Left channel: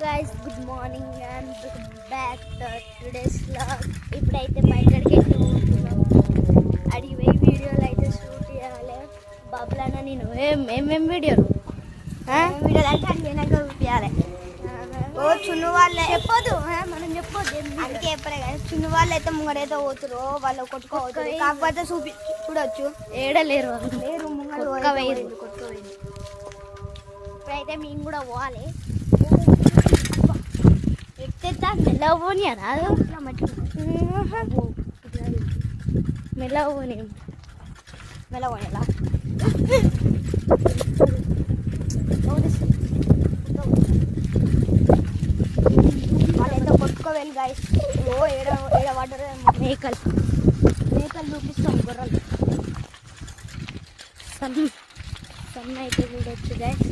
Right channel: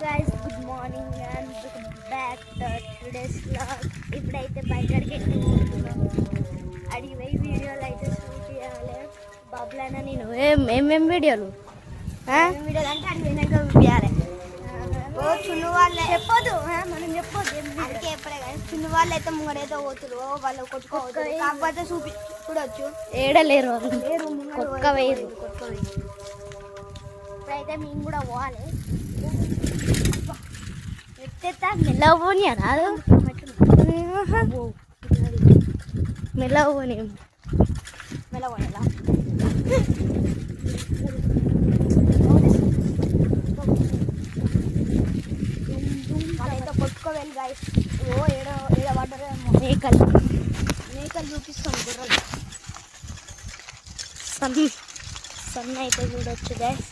guys, good morning and welcome back to today's vlog. ఇప్పుడైతే బయటకి వెళ్తున్నాం. అది వే వీడియోలు అయితే షూట్ చేయాలి. బాబులాన నేను ఏమేం వీడియోలు వీడియోలు అంటే అది వెనక చూపించాలి. చిన్న వాళ్ళే చెప్పొద్దు, మనం చెప్పొద్దు. అందుకే ఎప్పుడే చిన్న వాళ్ళు అయితే ముంగడైతే పోతురు, వాళ్ళు కొట్టుకోవచ్చు. కాకపోతే చూడొచ్చు ఏడలేరు, లేరు ముంగ వేరు. ఇప్పుడైతే మేము కూడా పోవాలి. ఎక్కేస్తా మెల్లగా పోనీయా రాదు, మెల్లగా పోనీ మెల్లగా పోయాలా కొట్టుకోవాలి గాయస్. ఏడబడ్డారు మేకలు చూపిస్తాం గుర్రాలు. సన్ అయితే చూడొచ్చు గాయస్.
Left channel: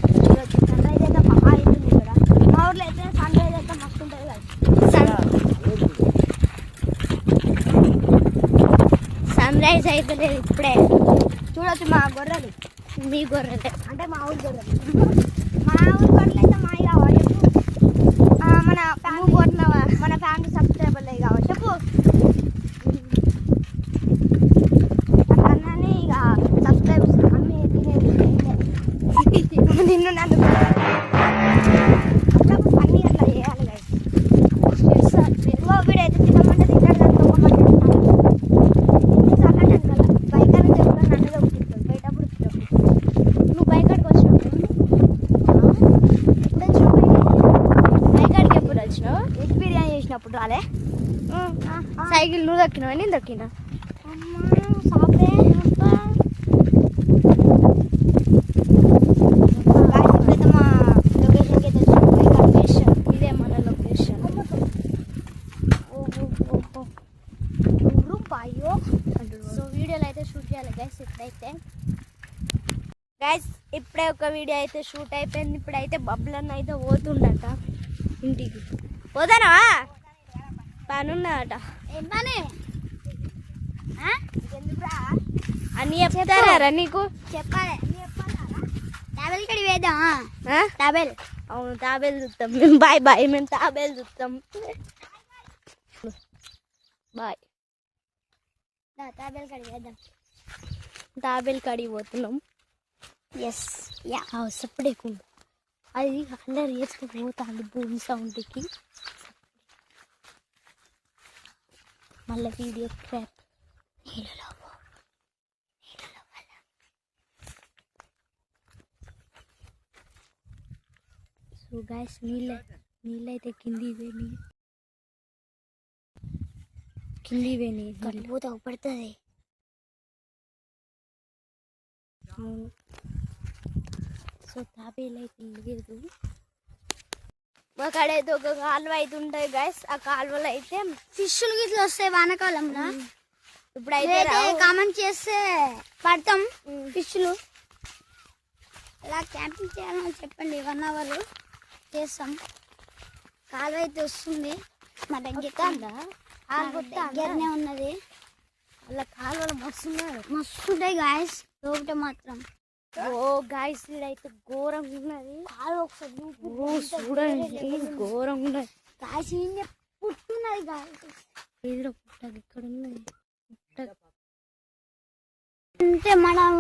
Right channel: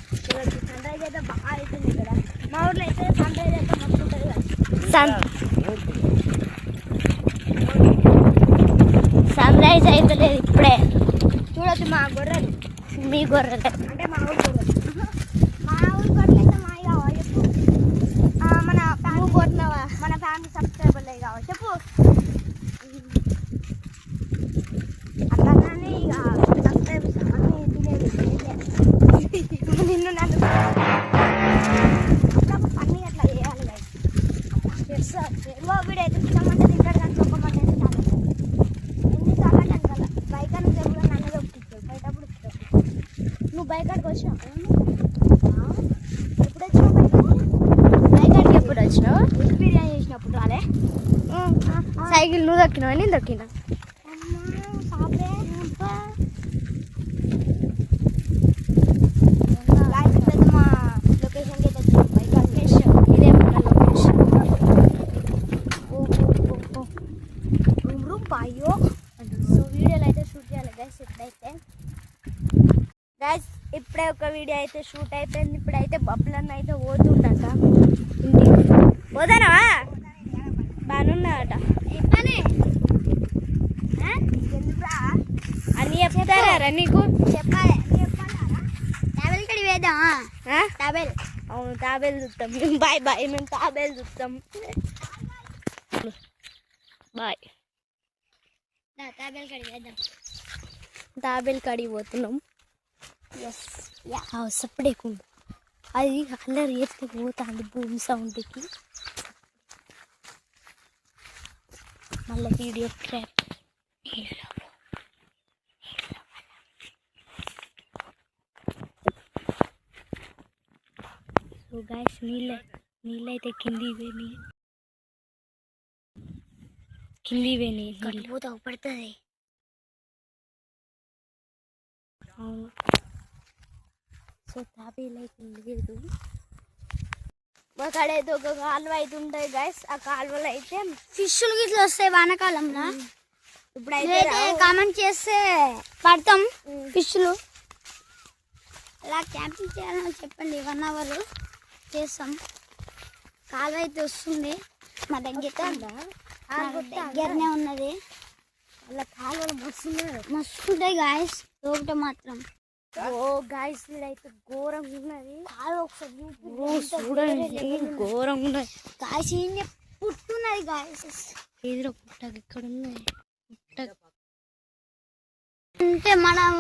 సన్ రైజ్ అయితే లేదు ఇప్పుడే. చూడొచ్చు మా గొర్రెలు, మీ గొర్రెలు అంటే మా ఊరు గొర్రెలు. మా ఊరు గొర్రెలు అయితే మా కావాలి. మన నువ్వు కొట్టినావా? మన ఫ్యామిలీ సబ్స్క్రైబర్లు కావాలి. చెప్పు అన్నీ ఇక సబ్స్క్రైబర్స్ అన్నీ నిన్ను నన్ను అన్నీ అట్లా చేయాలి. వీడు అయితే తినమంటే తిన్నాడు కదా, నువ్వు బైకాడికి వచ్చినావు. ఎప్పుడు వచ్చినావు బైకాడికి? ఎప్పుడు వచ్చినావు? బిర్యానీ చేసినప్పుడు రాలే. సైకిల్ నువ్వు దక్కినావా నేను దక్కినా? సో వీడియోలు అయితే షూట్ చేయాలి గైస్. ఇప్పుడైతే గైస్ ఇప్పుడే ఒక వీడియో అయితే షూట్ అయిపోయింది. ఇప్పుడైతే బబ్బులన్న అయితే పోతుండట ఇంటికి. పోతానవా? బాగున్నదట అని చెప్తారా నీకు? చెప్పాలి. అవును తాబేలు చూస్తాం మేము. బాయ్ బాయ్, మేము తాబేలు చూస్తాం. బాయ్. తాబేలు కడిగి పోతున్నాం. ఎస్ సప్పుడేకు అది అల్లరి చేస్తే పోతుంది భూమి సౌండ్కి. మళ్ళీ వీడియో క్రాప్. సో గాయస్ నీళ్ళైతే కింది పోయి పోతే అవపడుతుంది. అవును. సో తాబేలు అయితే లేదు. మాకాడైతే ఒక కాలువ అయితే ఉంటుంది గైస్. ఆ కాలువలో అయితే ఫిష్లు గిట్లా వస్తాయి వానాకాలంలో. ఇప్పుడైతే కామెంట్ చేస్తే పడతాం ఫిష్లు. ఇలా క్యాంపింగ్ చేయాలని చెప్పండి, 1 అవర్ చేస్తాం. కాలువ అయితే వస్తుంది మా దగ్గరనే ఉన్నది. అలా కాలువలు మస్తుంటాయి గాయస్. లోపల మాత్రం ఓ గాయస్ ఇదైతే ఘోరంగా ఉన్నది. కాలువ ఒకసారి చూడండి, ఘోరంగా ఉన్నది గాయస్. పుట్టున్నది గాయస్. ఎదురు పుట్ట ఇక్కడ ఉన్నది. అంటే మనం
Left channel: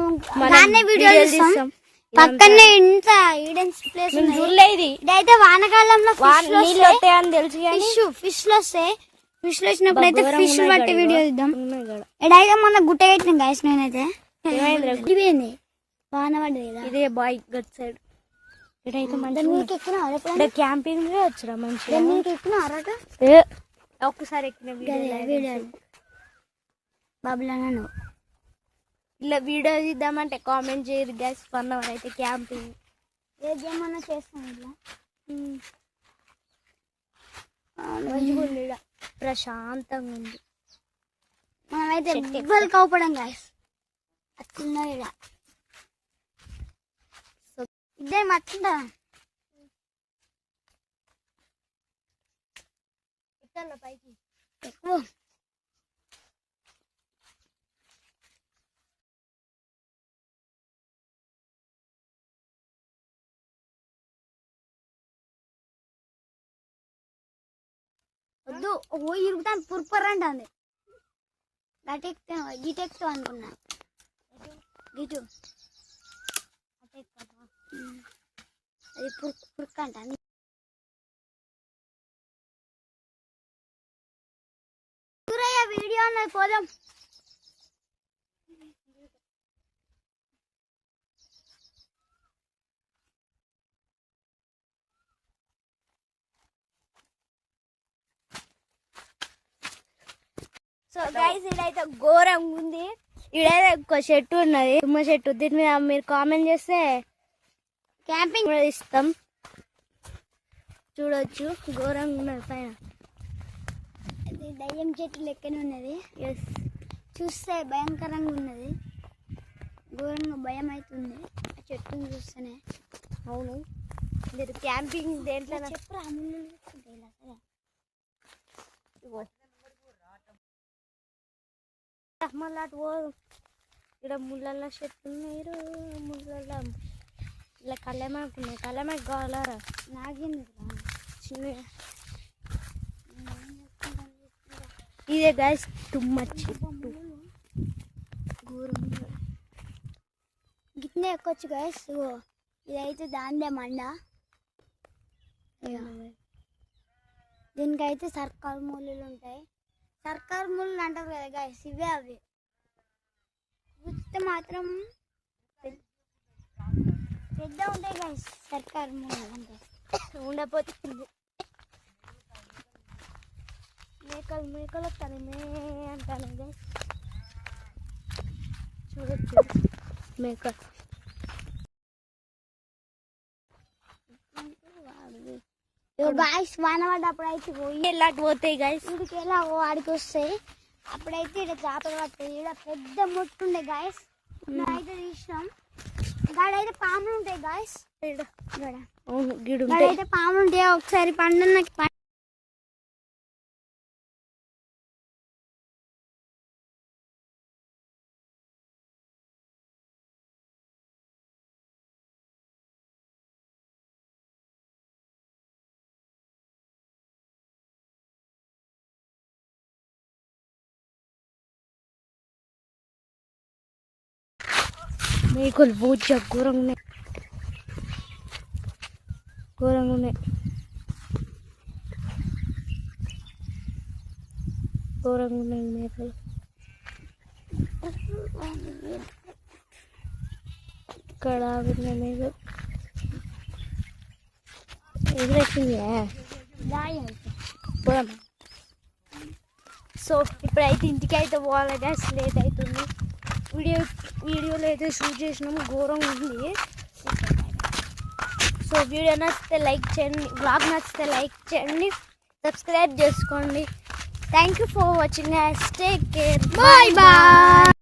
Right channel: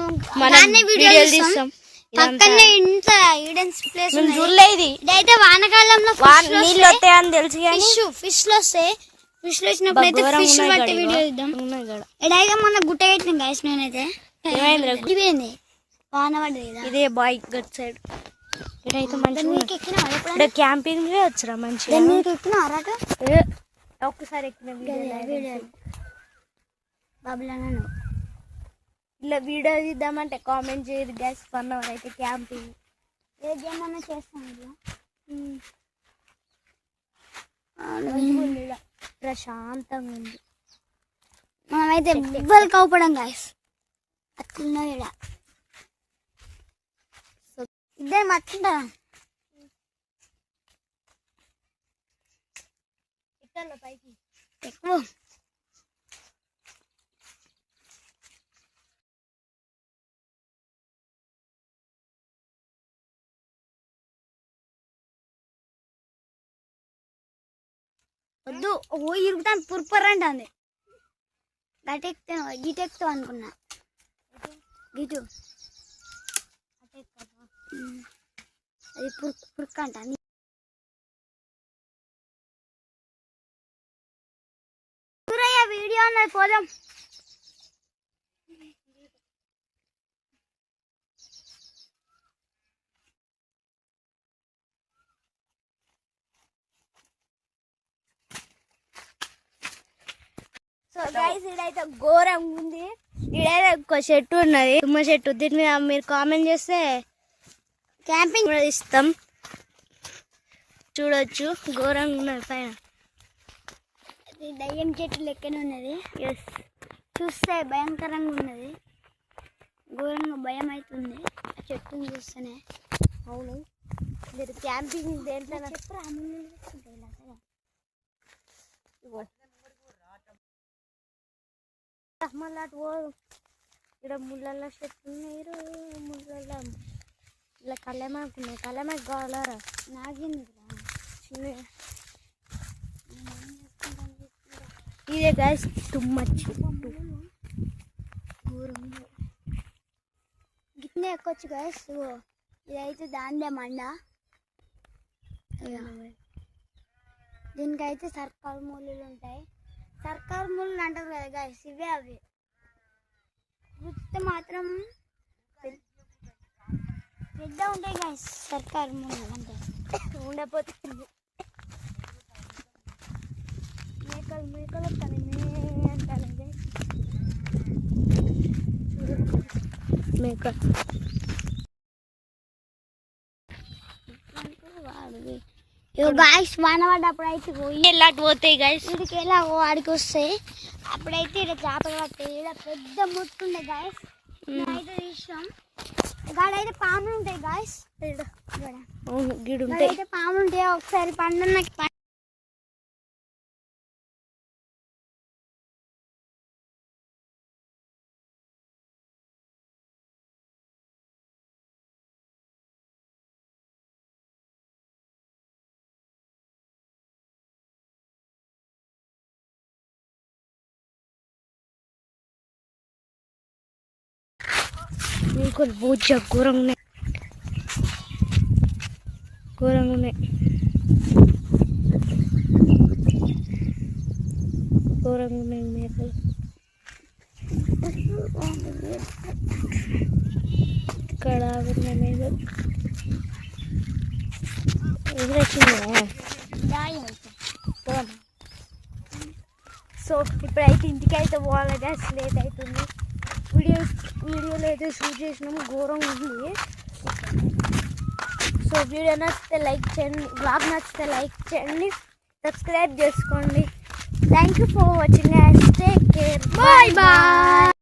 వీడియోలు తీస్తాం. పక్కనే ఇంత ఈడెన్స్ ప్లేస్ చూడలేదు. ఇదైతే వానకాలంలో నీళ్ళు వస్తాయని తెలుసు కానీ ఫిష్లు వస్తాయి. ఫిష్లు వచ్చినప్పుడు అయితే ఫిష్ బట్టి వీడియో ఇద్దాం. ఇదైతే మొన్న గుట్ట పెట్టిన గాయస్. నేనైతే ఇదేంది వాన పడ్డది. ఇదే బాయ్ గట్ సైడ్. ఇదైతే మంచిగా క్యాంపింగ్ వచ్చరా మంచిగా. ఒక్కసారి ఎక్కిన వీడియో బాబులన్నా ఇలా వీడియో తీద్దామంటే కామెంట్ చేయదు గ్యాస్. 1 అవర్ అయితే క్యాంపింగ్ ఏమన్నా చేస్తాం. ఇలా ప్రశాంతంగా ఉంది. మనమైతే ఎవ్వరు కవపడం గాయస్. అట్లా ఇద్దరు మట్టుందా ఎక్కాల పైకి ఎక్కువ. వద్దు ఓ ఇరుగుతాను పుర్పర్ అంటుంది గిటెక్తో అనుకున్నా గిటు అది పుర్క్ అంట వీడియో అన్నది పోదాం సో గైస్ ఇదైతే ఘోరంగా ఉంది. ఇదైతే ఒక చెట్టు ఉన్నది, తుమ్మ చెట్టు. దీని మీద మీరు కామెంట్ చేస్తే క్యాంపింగ్ కూడా ఇస్తాం. చూడొచ్చు ఘోరంగా ఉన్నది పైన. అది దయ్యం చెట్టు లెక్కనే ఉన్నది. ఎస్, చూస్తే భయంకరంగా ఉన్నది, ఘోరంగా భయం అవుతుంది ఆ చెట్టుని చూస్తేనే. అవును, మీరు క్యాంపింగ్ దేంట్లో చెప్పు మళ్ళీ అటు పోదు. ఇక్కడ ముళ్ళ చెట్టు ఉన్నాయి, ముళ్ళ ఇలా కళ్ళెమాకు ఉన్నాయి. కళ్ళెమాకు కావాలరా? నాగేంద్ర చిన్న ఇదే గైస్ తుమ్మ చెట్టు. ఘోరంగా గిట్నే ఎక్కొచ్చు గైస్. ఇదైతే దానిదే మండ. దీనికైతే సర్కారు మూలలు ఉంటాయి. సర్కారు మూలలు అంటారు కదా గైస్, ఇవే అవి. గుర్తు మాత్రం పెద్ద ఉంటాయి గైస్ సర్కారు మూలలు అంటే. ఉండకపోతే మేకలు వస్తాను అంటాను గైస్. చూడచ్చు మేక గాయస్. వాన పడ్డప్పుడు అయితే ఇలాంటి పోతాయి గైస్. వీడికి ఎలా వాడికి వస్తాయి. అప్పుడైతే ఇక్కడ చేపలు పట్టాయి. ఇక్కడ పెద్ద మొత్తుండే గాయస్, అయితే తీసినాం. గాడైతే పాములు ఉంటాయి గాయస్. అవును, గిడు ఉంటాయి. అయితే పాములు ఉంటాయి. ఒకసారి పండు మేకలు బూజ ఘోరంగా ఉన్నాయి, ఘోరంగా ఉన్నాయి, ఘోరంగా ఉన్నాయి మేకలు. ఇక్కడ ఉన్నాయి మేకలు. ఎదురొచ్చిందా? సో ఇప్పుడైతే ఇంటికి అయితే పోవాలి గ్యాస్, లేట్ అవుతుంది. వీడియోలో అయితే షూట్ చేసినాము, ఘోరంగా ఉంది. సో వీడియో నచ్చితే లైక్ చేయండి, బ్లాగ్ నచ్చితే లైక్ చేయండి, సబ్స్క్రైబ్ చేసుకోండి. Thank you for watching. Take care, bye bye.